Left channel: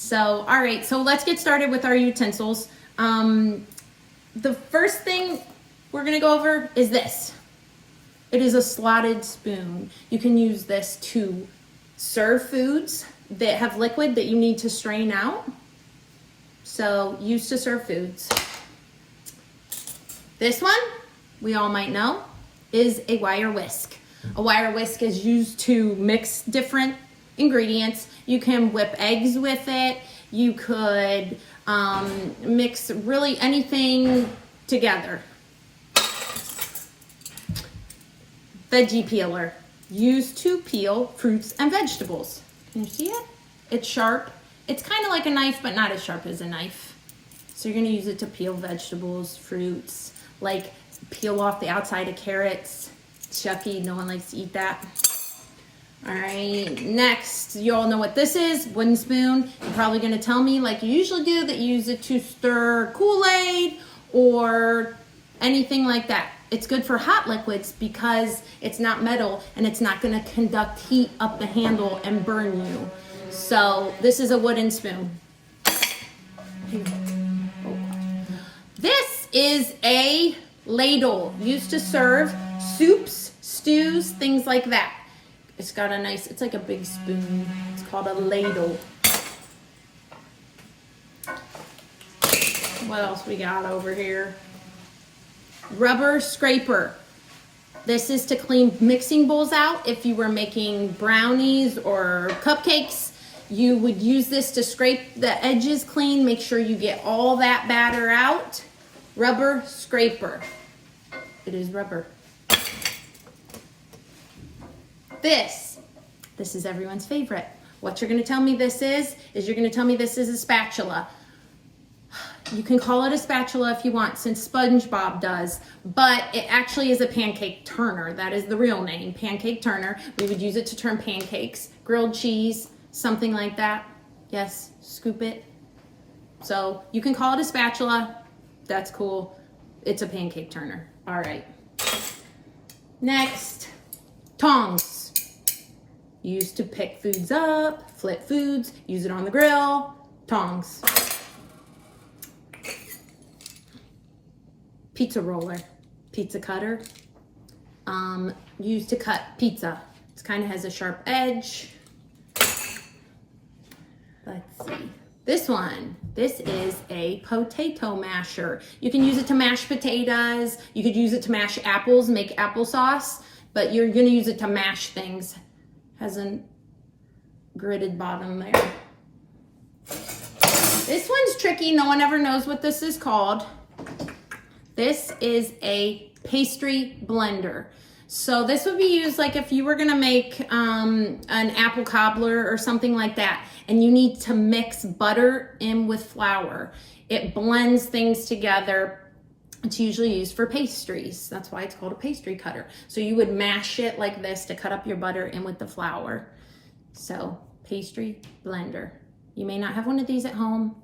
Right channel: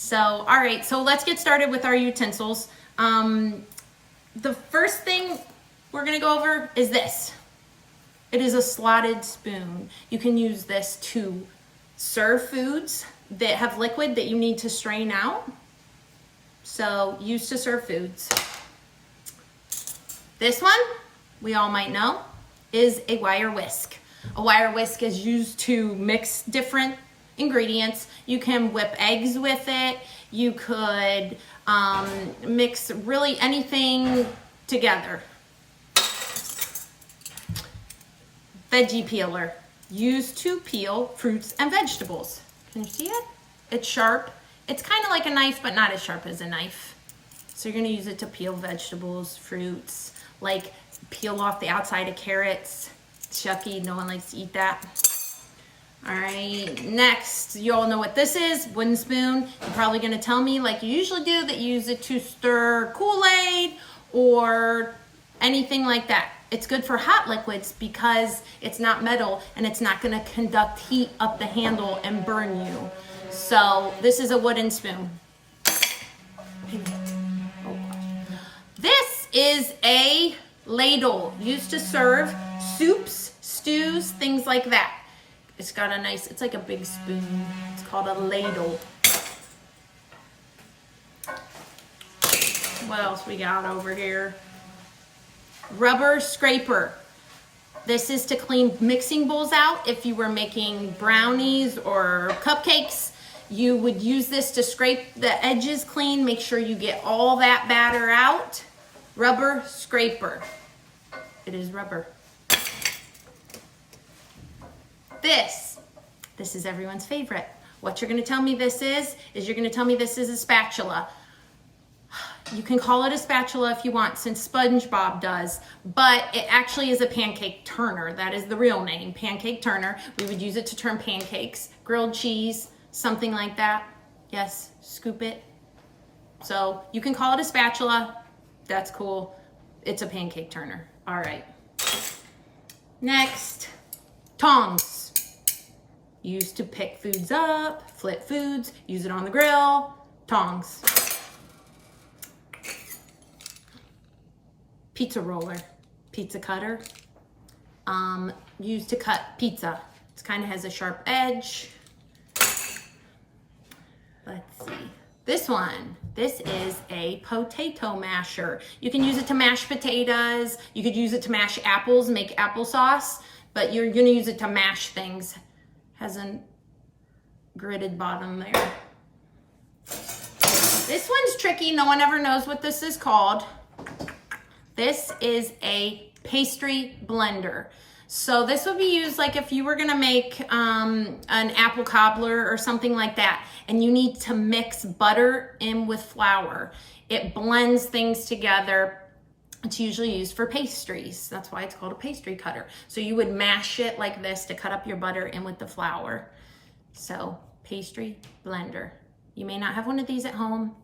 So, all right, so let's get started with our utensils. The first thing we're gonna go over is this. It is a slotted spoon. You can use this to serve foods that have liquid that you need to strain out. So, used to serve foods. This one, we all might know, is a wire whisk. A wire whisk is used to mix different ingredients. You can whip eggs with it. You could mix really anything together. Veggie peeler, used to peel fruits and vegetables. Can you see it? It's sharp. It's kind of like a knife, but not as sharp as a knife. So you're gonna use it to peel vegetables, fruits, like peel off the outside of carrots. Chucky, no one likes to eat that. All right, next, you all know what this is, wooden spoon. You're probably gonna tell me, like you usually do, that you use it to stir Kool-Aid or anything like that. It's good for hot liquids because it's not metal and it's not gonna conduct heat up the handle and burn you. So this is a wooden spoon. This is a ladle used to serve soups, stews, things like that. It's got a nice, it's like a big spoon. It's called a ladle. What else we got over here? Rubber scraper. This is to clean mixing bowls out. If you were making brownies or cupcakes, you would use this to scrape the edges clean. Make sure you get all that batter out. Rubber scraper. It is rubber. This is everyone's favorite. What you're gonna tell me this is you're gonna tell me this is a spatula. You can call it a spatula if you want, since SpongeBob does, but it actually is a pancake turner. That is the real name, pancake turner. We would use it to turn pancakes, grilled cheese, something like that. Yes, scoop it. So you can call it a spatula. That's cool. It's a pancake turner. All right. Next, tongs. Used to pick foods up, flip foods, use it on the grill. Tongs. Pizza roller, pizza cutter, used to cut pizza. It kind of has a sharp edge. Let's see. This one, this is a potato masher. You can use it to mash potatoes. You could use it to mash apples, make applesauce, but you're gonna use it to mash things. Has a gridded bottom there. This one's tricky. No one ever knows what this is called. This is a pastry blender. So this would be used like if you were gonna make an apple cobbler or something like that, and you need to mix butter in with flour. It blends things together. It's usually used for pastries. That's why it's called a pastry cutter. So you would mash it like this to cut up your butter in with the flour. So pastry blender. You may not have one of these at home.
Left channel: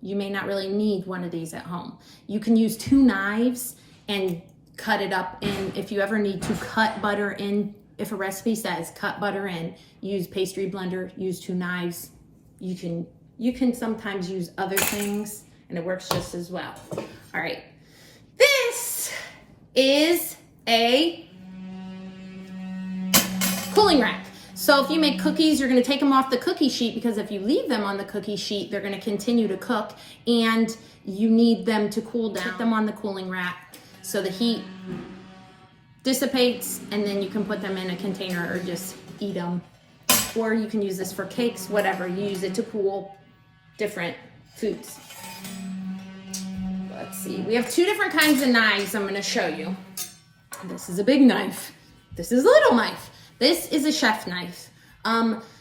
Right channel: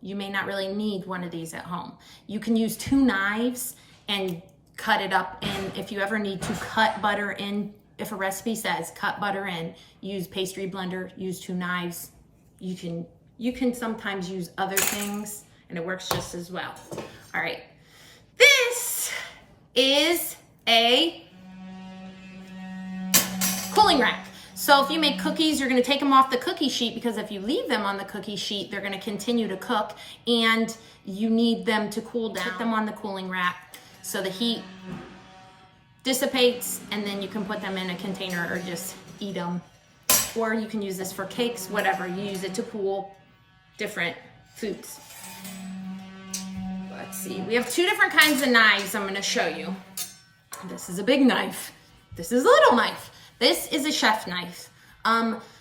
You may not really need one of these at home. You can use 2 knives and cut it up in. If you ever need to cut butter in, if a recipe says cut butter in, use pastry blender, use 2 knives. You can sometimes use other things and it works just as well. All right. This is a cooling rack. So if you make cookies, you're gonna take them off the cookie sheet, because if you leave them on the cookie sheet, they're gonna continue to cook and you need them to cool down. Put them on the cooling rack so the heat dissipates, and then you can put them in a container or just eat them. Or you can use this for cakes, whatever. You use it to cool different foods. Let's see, we have 2 different kinds of knives I'm gonna show you. This is a big knife. This is a little knife. This is a chef knife.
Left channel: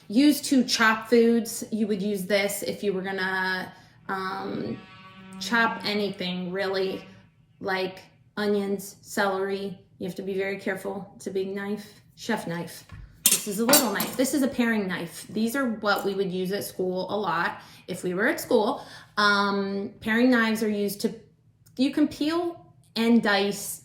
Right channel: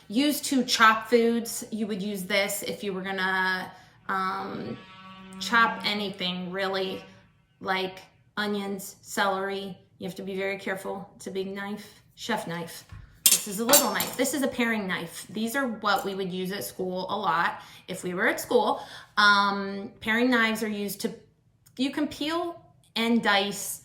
Used to chop foods. You would use this if you were gonna chop anything, really, like onions, celery. You have to be very careful. It's a big knife, chef knife. This is a little knife. This is a paring knife. These are what we would use at school a lot if we were at school. Paring knives are used to, you can peel and dice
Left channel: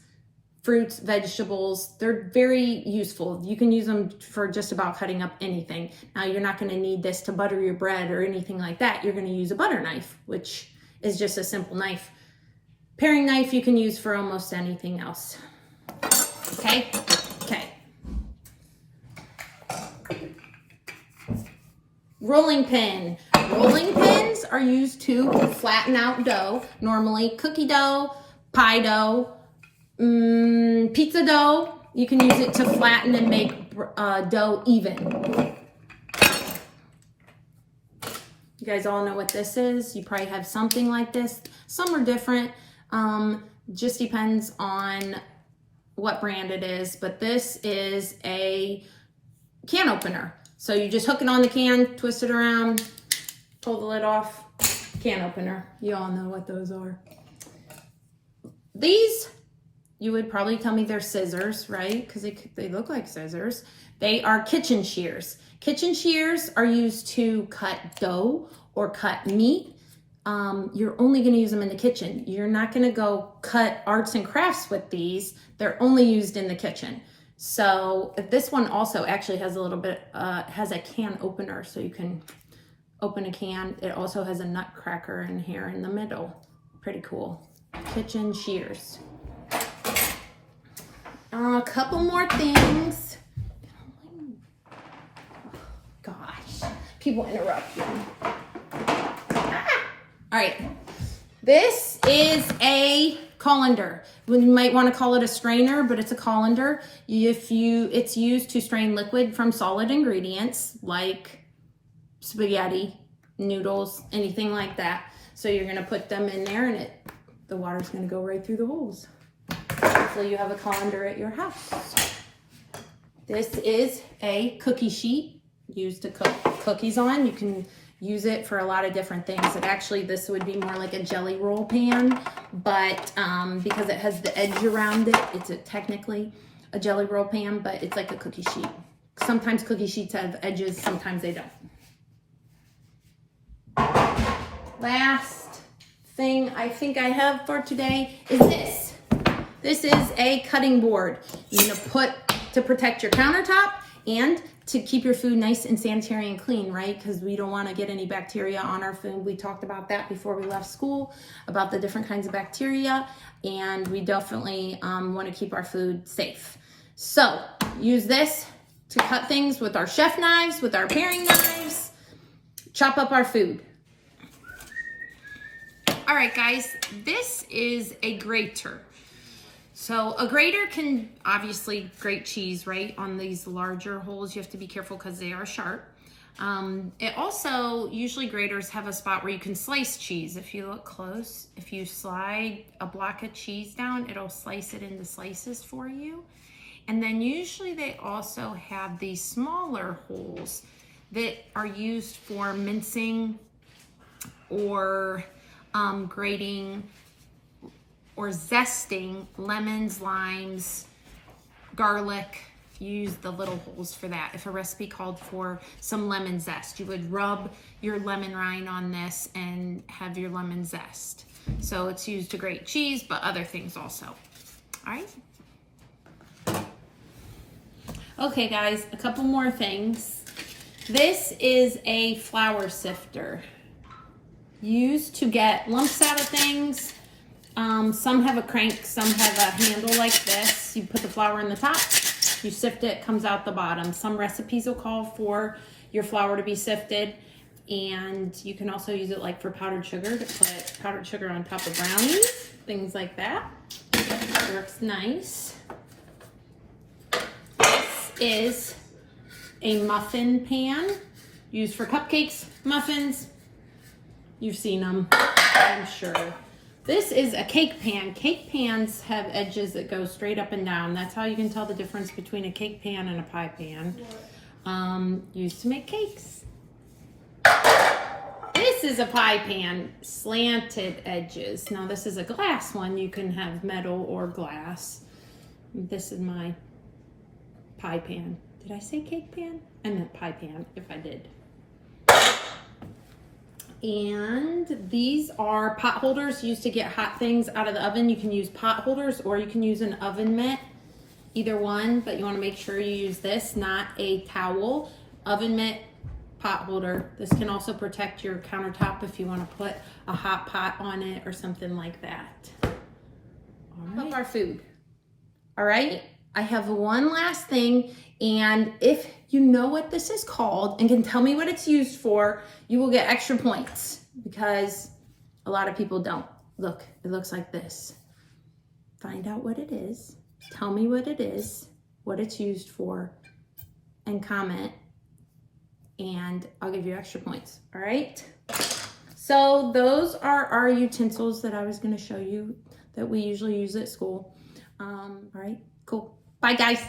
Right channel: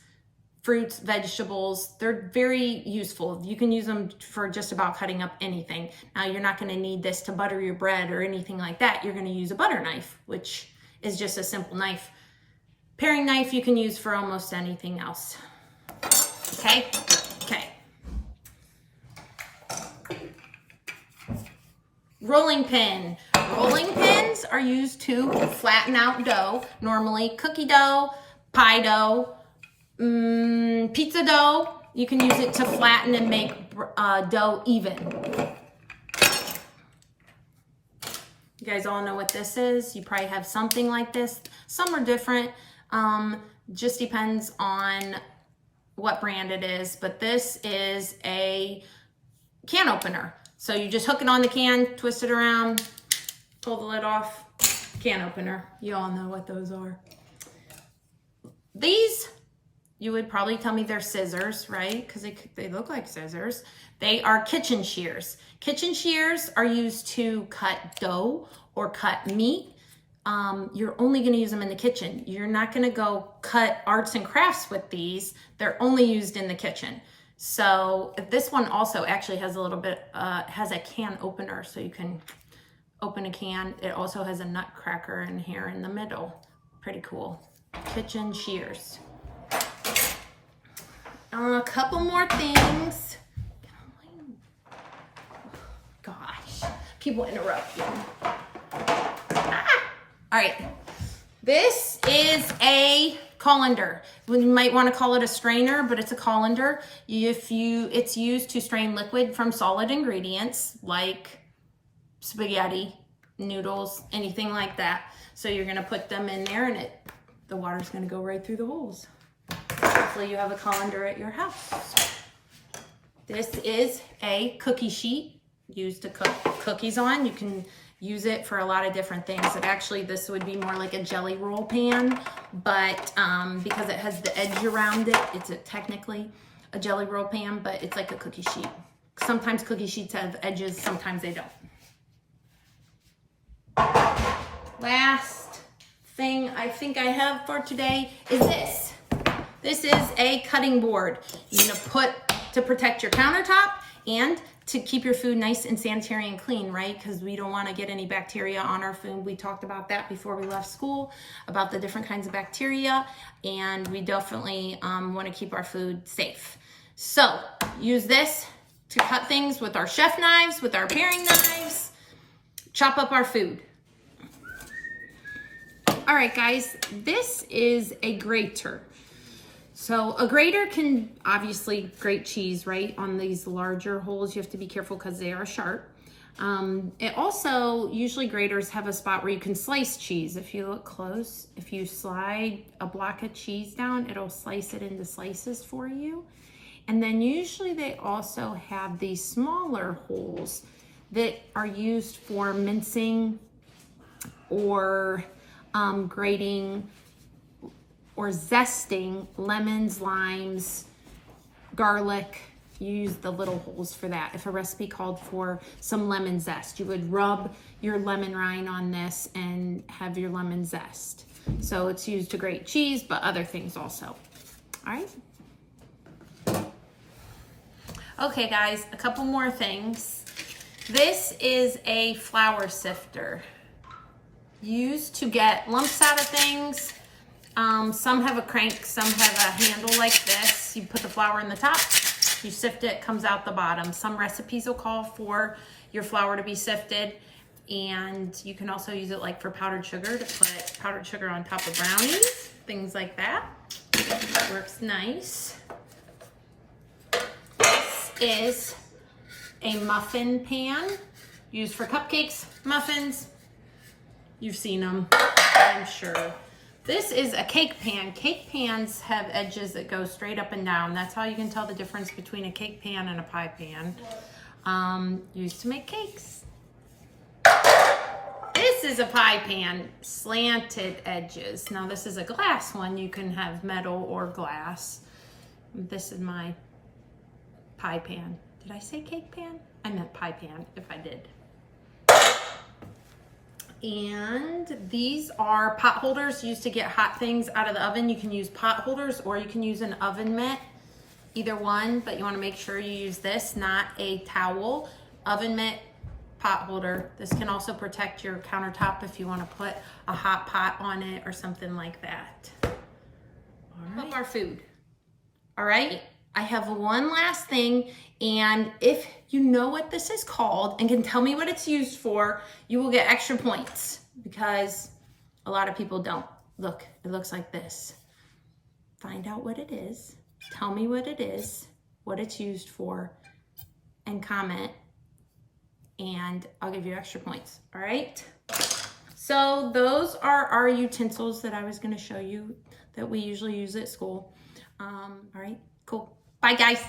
fruits, vegetables. They're very useful. You can use them for just about cutting up anything. Now, you're not going to need this to butter your bread or anything like that. You're going to use a butter knife, which is just a simple knife. Paring knife you can use for almost anything else. Okay? Okay. Rolling pin. Rolling pins are used to flatten out dough. Normally cookie dough, pie dough, pizza dough. You can use it to flatten and make dough even. You guys all know what this is. You probably have something like this. Some are different. Just depends on what brand it is. But this is a can opener. So you just hook it on the can, twist it around, pull the lid off. Can opener. You all know what those are. These, you would probably tell me they're scissors, right? Because they look like scissors. They are kitchen shears. Kitchen shears are used to cut dough or cut meat. You're only going to use them in the kitchen. You're not going to go cut arts and crafts with these. They're only used in the kitchen. So this one also actually has a little bit, has a can opener, so you can open a can. It also has a nutcracker in here in the middle. Pretty cool. Kitchen shears. A couple more things. Gosh, people interrupt you. All right, this is a colander. You might want to call it a strainer, but it's a colander. It's used to strain liquid from solid ingredients like spaghetti, noodles, anything like that. So you're going to put them in there, and the water's going to go right through the holes. Hopefully you have a colander at your house. This is a cookie sheet used to cook cookies on. You can use it for a lot of different things. And actually, this would be more like a jelly roll pan, but because it has the edge around it, it's technically a jelly roll pan, but it's like a cookie sheet. Sometimes cookie sheets have edges, sometimes they don't. Last thing I think I have for today is this. This is a cutting board. You're gonna put to protect your countertop and to keep your food nice and sanitary and clean, right? Because we don't want to get any bacteria on our food. We talked about that before we left school, about the different kinds of bacteria, and we definitely want to keep our food safe. So use this to cut things with our chef knives, with our paring knives, chop up our food. All right, guys, this is a grater. So a grater can obviously grate cheese, right? On these larger holes, you have to be careful because they are sharp. It also, usually graters have a spot where you can slice cheese. If you look close, if you slide a block of cheese down, it'll slice it into slices for you. And then usually they also have these smaller holes that are used for mincing or grating or zesting lemons, limes, garlic. You use the little holes for that. If a recipe called for some lemon zest, you would rub your lemon rind on this and have your lemon zest. So it's used to grate cheese, but other things also. All right. Okay, guys, a couple more things. This is a flour sifter used to get lumps out of things. Some have a crank, some have a handle like this. You put the flour in the top, you sift it, comes out the bottom. Some recipes will call for your flour to be sifted, and you can also use it like for powdered sugar, to put powdered sugar on top of brownies, things like that. That works nice. This is a muffin pan used for cupcakes, muffins. You've seen them, I'm sure. This is a cake pan. Cake pans have edges that go straight up and down. That's how you can tell the difference between a cake pan and a pie pan. Used to make cakes. This is a pie pan, slanted edges. Now this is a glass one. You can have metal or glass. This is my pie pan. Did I say cake pan? I meant pie pan, if I did. And these are pot holders used to get hot things out of the oven. You can use pot holders or you can use an oven mitt, either one, but you want to make sure you use this, not a towel. Oven mitt, pot holder. This can also protect your countertop if you want to put a hot pot on it or something like that. All right. Our food. All right, I have one last thing, and if you know what this is called and can tell me what it's used for, you will get extra points because a lot of people don't. Look, it looks like this. Find out what it is, tell me what it is, what it's used for, and comment, and I'll give you extra points, all right? So those are our utensils that I was gonna show you that we usually use at school. All right, cool. Bye, guys.